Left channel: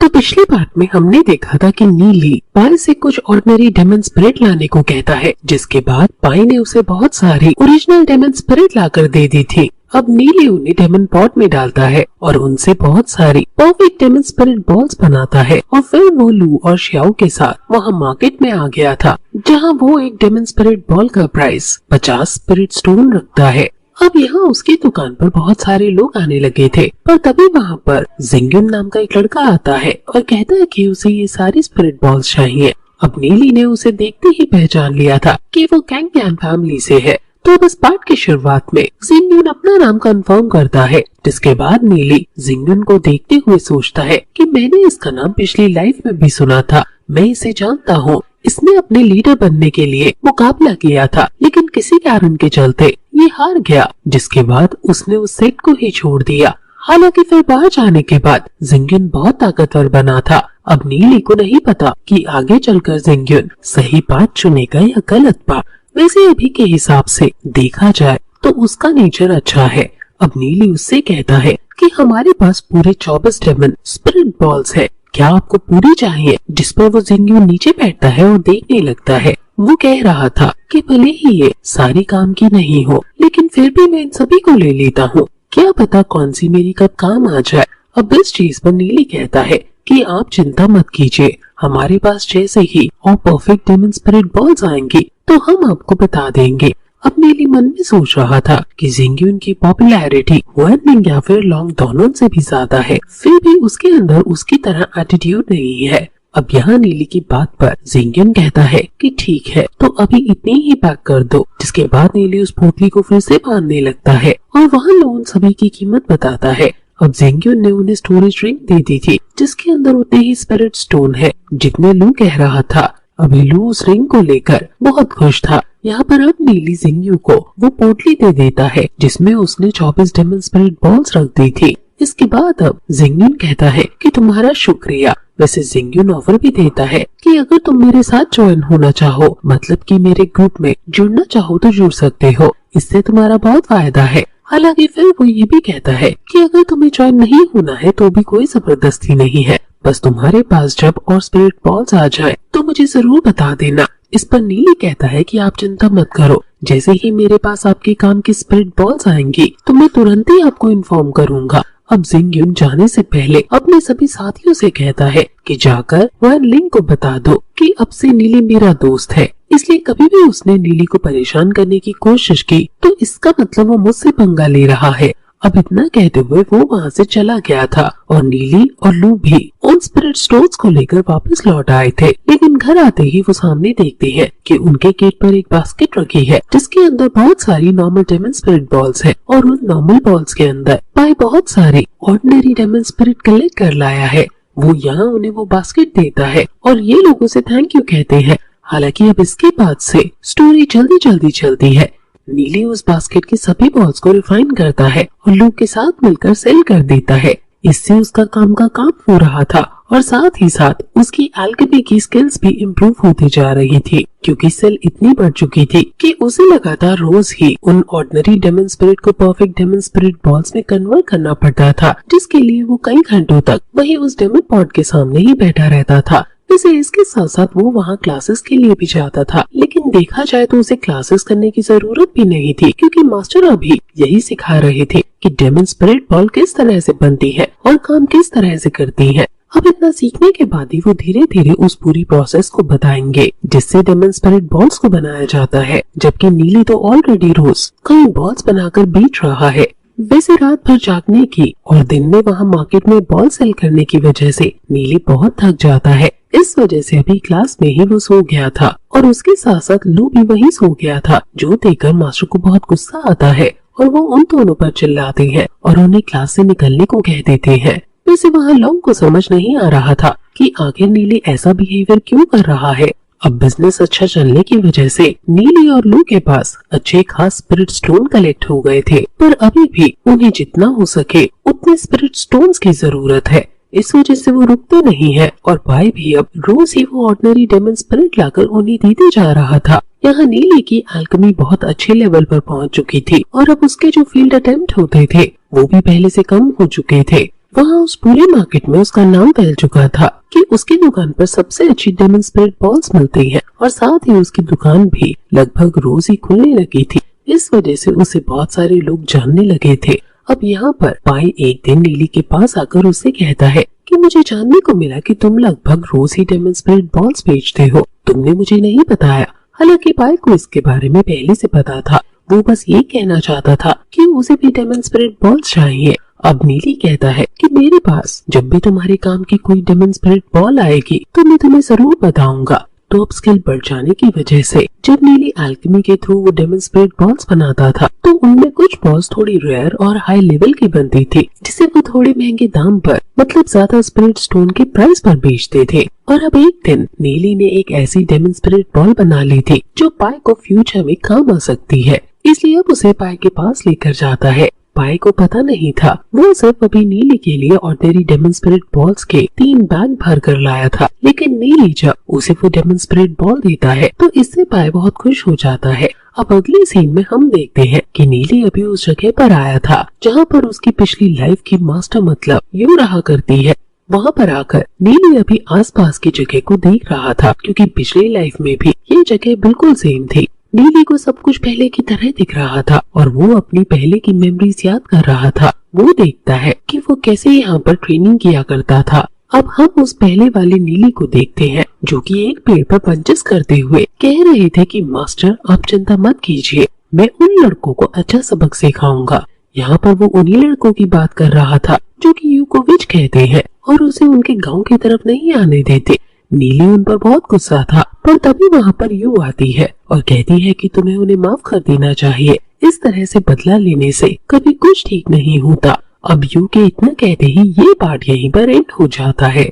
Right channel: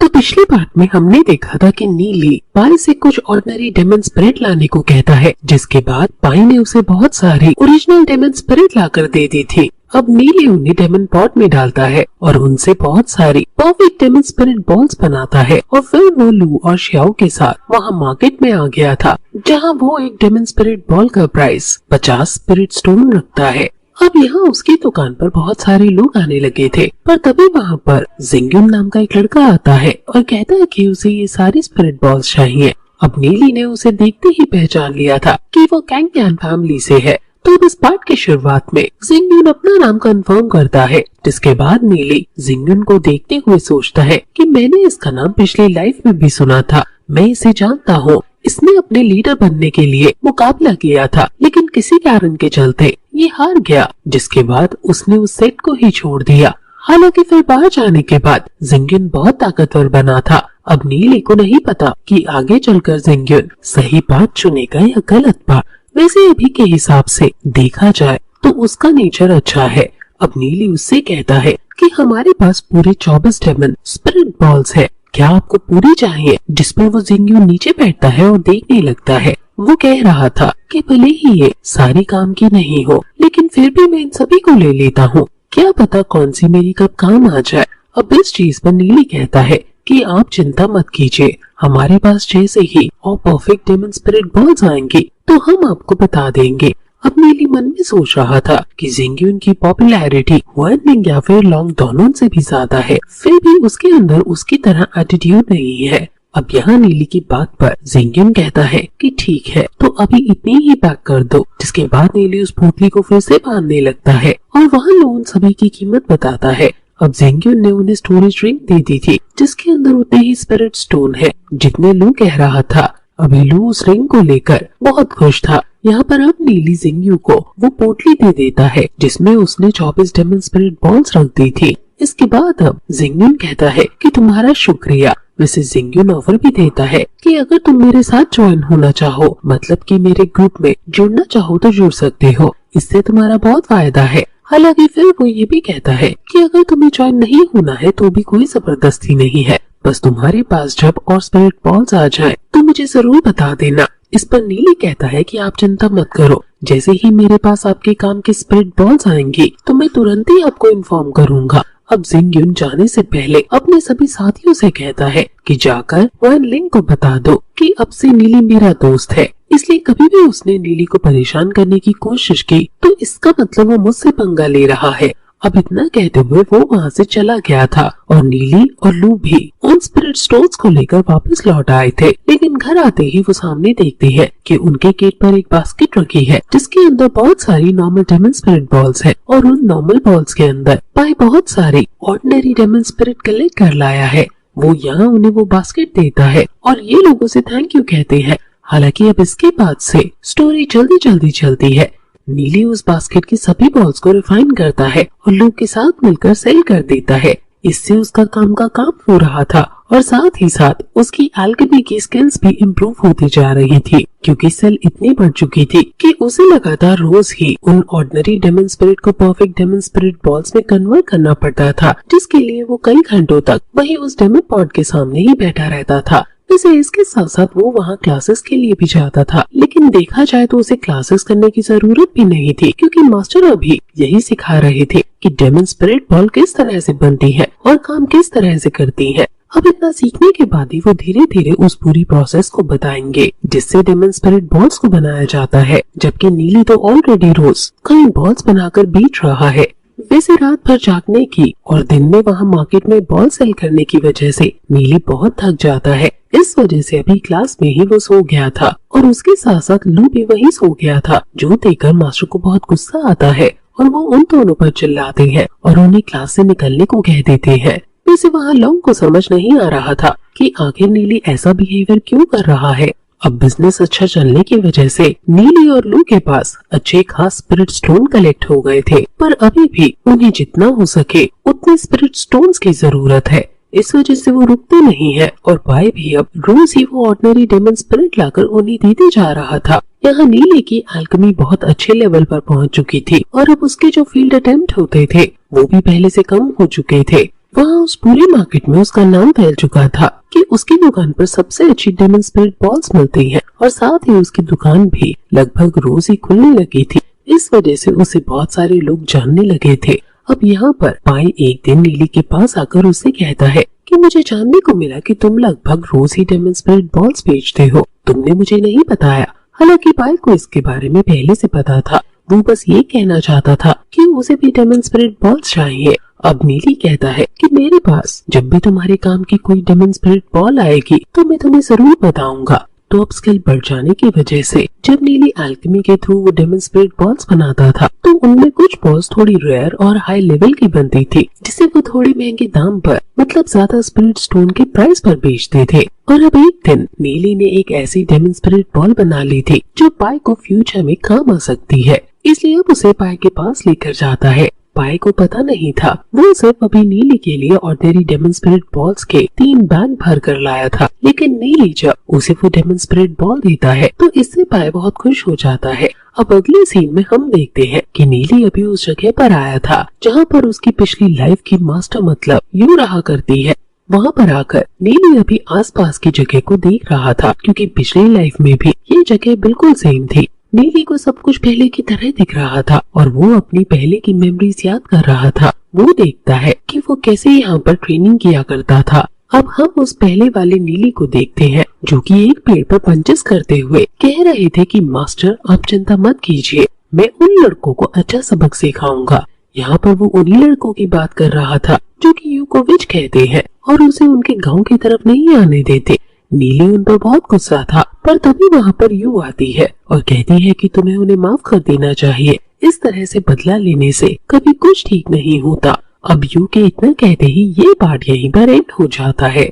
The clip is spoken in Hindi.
तो पिछले पार्ट में हमने देखा था कि नीली पाई से कुछ ऑर्डिनरी डेमन स्पिरिट लाने को कहता है, जिसके बाद पाई ने उसे बहुत सारी ओरिजिनल डेमन स्पिरिट लाकर दे दी थी। अब नीली उन्हें डेमन पॉट में डालता है और उनसे बहुत सारी परफेक्ट डेमन स्पिरिट बॉल्स बनाता है और फिर वो लू और श्याओ के साथ वहाँ मार्केट में आ गया था, जहाँ वो एक डेमन स्पिरिट बॉल का प्राइस 50 स्पिरिट स्टोन रखता है। अब यहाँ उसकी दुकान पर बहुत सारे लोग आने लगे थे, पर तभी वहाँ पर जिंगयुन नाम का एक लड़का आता है और कहता है कि उसे ये सारी स्पिरिट बॉल्स चाहिए। अब नीली ने उसे देखते ही पहचान लिया था कि वो कैंगपियन फैमिली से है। तो इस पार्ट की शुरुआत में जिंगयुन अपना नाम कंफर्म करता है, जिसके बाद नीली जिंगयुन को देखते हुए सोचता है कि मैंने इसका नाम पिछली लाइफ में भी सुना था, मैं इसे जानता हूँ। इसने अपने लीडर बनने के लिए मुकाबला किया था, लेकिन किसी कारण के चलते ये हार गया, जिसके बाद उसने उस सेट को ही छोड़ दिया। हालांकि फिर बाहर जाने के बाद जिंगयुन बहुत ताकतवर बना था। अब नीली को नहीं पता कि आगे चलकर जिंगयुन सही बात चुनेगा या गलत बात। वैसे अभी के हिसाब से देखा जाए तो उसका नेचर अच्छा है। अब नीली उससे कहता है कि हमारे पास पूरे 24 डेमन स्पिरिट बॉल्स है, क्या आपको पूरी चाहिए? जिस पर वो जिंगयुन नीचे बैठता है और देखने लगता है। वो कह रहा था कि भले ही ये सारी काम की नहीं हो, लेकिन फिर भी मैं इन सभी को ले लेता हूँ, क्या पता कौन सी मेरी कब काम आ जाए। अब इस चीज पर नीली कहता है कि आप चिंता मत कीजिए, हमारे पास जैसे ही और परफेक्ट डेमन स्पिरिट बॉल्स आएंगी तो हम आपको बता देंगे। अब नीली मन में सोच रहा था कि जिंगयुन की पॉपुलैरिटी वार्निंग या फिर लॉन्ग दोनों से भी ज्यादा है, फिर भी उसके अंदर उसकी तरह एटीट्यूड नहीं है। अब यहाँ नीली की बात पर जिंगयुन कहता है कि ठीक है, तो अभी इतनी ही पैक कर दो। जिसके बाद नीली उस पोटली को फिर से बांधने लगता है और वहाँ लोग सभी की कीमत बताता है। अब जिंगयुन ने उन्हें स्टोरेज रिंग दे दी थी, जिसके अंदर उतने ही स्पिरिट स्टोन है जितने लू कह रहा था। अभी लू उस रिंग को लेकर बहुत खुश था। यहाँ पर अब नीली जिंगयू को वो पोटली दे देता है जिसमें उसने 24 डेमन स्पिरिट बॉल्स रख दी थी। इसके बाद अब जिंगयुन कहता है कि तुम्हारा शुक्रिया। वैसे जिंगयुन ऑफर भी देता है कि अगर तुम मेरे साथ ज्वाइन होना चाहो, मतलब कि मेरे ग्रुप में जुड़ना चाहो तो जुड़ सकते हो, इससे तुम्हारा बहुत फायदा है। हालांकि फिर वो ये भी कहता है कि अगर तुम्हें ज्वाइन नहीं होना है तो भी कोई जबरदस्ती नहीं है, बस तुम्हारे पास जब और स्पिरिट बॉल्स आ जाए तो मुझे जरूर बता देना। इस पर नीली कहता है कि आप चिंता मत करो, जैसे ही मेरे पास आपके काम की स्पिरिट बॉल्स आएंगी तो मैं तुरंत ही आपको इन्फॉर्म करूंगा। अब जिंगयुन जाने से पहले अपने सभी साथियों से कहता है कि जाकर वान लिंग को बता दो कि अब से नीली मेरा दोस्त है, इसलिए कभी भी उसने नीली को परेशान करने की कोशिश की तो इसका मतलब वो मुझसे पंगा ले रहा है। अब इतना कहते हुए वो वहाँ से चला गया था और नीली और लू भी उन स्पिरिट स्टोन्स को लेकर वापस लौट आए थे। लेकिन घर आते ही वो सामने देखते हैं कि उनके गेट पर एक बास्केट रखी है जिसके अंदर बहुत सारी नॉर्मल डेमन स्पिरिट बॉल्स हैं और उन नॉर्मल बॉल्स के अंदर पाई बहुत सारी ऑर्डिनरी डेमन स्पिरिट कलेक्ट कर लाया है। वो यहाँ उन्हें वो बास्केट देता है और ये लोगों से थैंक यू कहते हैं। हालांकि अब इसके बाद से स्टोरी जल्दी जल्दी चलती है। नीली उस बास्केट के सभी बॉल्स को रिफाइन करता है और लोग के साथ मिलकर सेल कर देता है। इससे उसका काम का काम हो रहा था और साथ ही साथ उसकी एल्केमी की स्किल्स भी इम्प्रूव होती जा रही थी, क्योंकि सेल इतनी बढ़ चुकी थी कि उसे लगातार रोज ही उन ऑर्डिनरी डेमन स्पिरिट को परफेक्ट डेमन स्पिरिट बॉल्स में कन्वर्ट करना पड़ता था, जिसके लिए वो कई घंटों तक वही उस डेमन पॉट के सामने ही बैठा रहता था। वैसे इसके साथ साथ वो वहाँ क्लासेस के लिए भी जाता था, लेकिन देखा जाए तो उसे क्लासेस करने की जरूरत भी नहीं थी, क्योंकि मास्टर अभी यही सिखा रहे थे कि डेमन स्पिरिट बॉल किस तरह से बनती है और काम किस तरह से करती है। अब इतना सीखने के बाद ही वो धीरे धीरे उस पूरी प्रोसेस को बताएंगे जिससे डेमन स्पिरिट बॉल्स को बनाया जाता है, जबकि नीली तो ऑलरेडी रोज कई बॉल्स बनाकर बीत रहा है। वैसे रात भर जागने की और दिन में वहाँ मार्केट में बॉल सेल करने की वजह से नीली बहुत थक जाता है। इस वजह से अभी क्लास में ही वो सो गया था और उसके साथ साथ लू भी वही सो गया था, जो देखकर मास्टर को बहुत गुस्सा आता है और वो उन दोनों पर चिल्लाते हैं और उन्हें क्लास से निकलने को कह देते हैं। वैसे वहाँ लोग को समझ नहीं आ रहा था कि आखिर नीली ऐसा बिहेवियर क्यों कर रहा है। अब बिजनेस अच्छा चलने की वजह से नीली और लू के पास अच्छे खास स्पिरिट स्टोन कलेक्ट हो गए थे, पर अभी भी उन्हें जितना हो सके उतने स्पिरिट स्टोन्स की जरूरत है। इस वजह से वो रुकते नहीं है और पाई भी अब रोज ही वो ऑर्डिनरी डेमन स्पिरिट लाकर उन्हें देते जा रहा था। यहाँ नीली की एल्केमी बहुत अच्छे लेवल पर पहुँच चुकी थी और अब उसके जो फील्ड अटेम्प्ट होते थे वो भी पहले से कम हो चुके थे। वहाँ उस पूरे मार्केट में उसका नाम फैल चुका था कि उसकी दुकान पर सबसे अच्छी डेमन स्पिरिट बॉल्स मिलती हैं और साथ ही उसकी दुकान भी लगभग रोज ही खुलने लगी थी। इस वजह से उसे बहुत सारे लोग जानने लगे थे। अब यहाँ पर पाई एक दिन नीली के पास आकर उसे कहता है कि मुझे जानने को मिला कि तुम लगभग रोज ही डेमन स्पिरिट बॉल्स बेचते हो, तुमने मुझे नहीं बताया। हालांकि पाई को इसके बारे में पहले से पता था, वो बस ये कहना चाहता था कि उसे भी डेमन स्पिरिट बॉल्स चाहिए। अब नीली कहता है कि मेरे पास जब भी तुम्हारे काम की कोई डेमन स्पिरिट बॉल आएगी तो मैं तुम्हें जरूर बताऊंगा। तो अब स्किल बढ़ जाने की वजह से जब नीली एल्केमी के थ्रू वो डेमन स्पिरिट बॉल्स बनाता था तो उनमें कुछ बॉल्स थोड़ी रेयर और हाई लेवल की बनती थी, जिसे वो थोड़ी महंगे दाम पर मतलब ज्यादा स्पिरिट स्टोन के प्राइस पर बेचते थे। और अब एक दिन नीली ने एक ऐसी डेमन स्पिरिट बॉल बना ली थी जो पाई को फ्यूचर में काम आ सकती है, इसलिए अब उसे पाई के पास लेकर जाता है। पाई को पता नहीं था, वो सब अभी नीली के लिए ऑर्डिनरी डेमन स्पिरिट बॉल्स के 3 बैग भर कर लाया था। लेकिन नीली जब उसे वो डेमन स्पिरिट बॉल देता है तो इससे पाई बहुत खुश हो जाता है। अब अगले सीन में हम देखते हैं कि नीली अभी उस जगह पर आया था जहाँ पर उसकी पिछली लाइफ की मास्टर मतलब यू रहा करती है। वहाँ पर आकर नीली अभी आसपास की जगह को देख रहा था, क्योंकि पिछली लाइफ में भी ये जगह बिल्कुल सेम थी। नीली को सब कुछ पहले की तरह दिख रहा था और वो अपनी पहले की मेमोरीज याद कर रहा था। वो देखता है कि वो कैसे यहाँ पर ट्रेनिंग किया करता था। अब हम उस पहले वाले नीली को देखते हैं जो कि एक पेड़ पर पंचेस करते हुए कह रहे थे कि मास्टर आप चिंता मत कीजिए, मैं उन लड़कों को अच्छा सबक सिखाऊंगा। यहाँ पर वो उन्हीं लड़कों की बात कर रहा था जो कि यू को विच कहते हैं और उसे उनके गाँव की तरफ नहीं आने देते। नीली उन पर बहुत गुस्सा था, पर तभी वहाँ पर यू आती है और कहती है कि तुम्हें उन्हें माफ कर देना चाहिए, इस तरह से बदला लेने से कभी कुछ ठीक नहीं होता। अब यू के इतना कहते ही ये पार्ट यहीं पर एंड हो जाता है।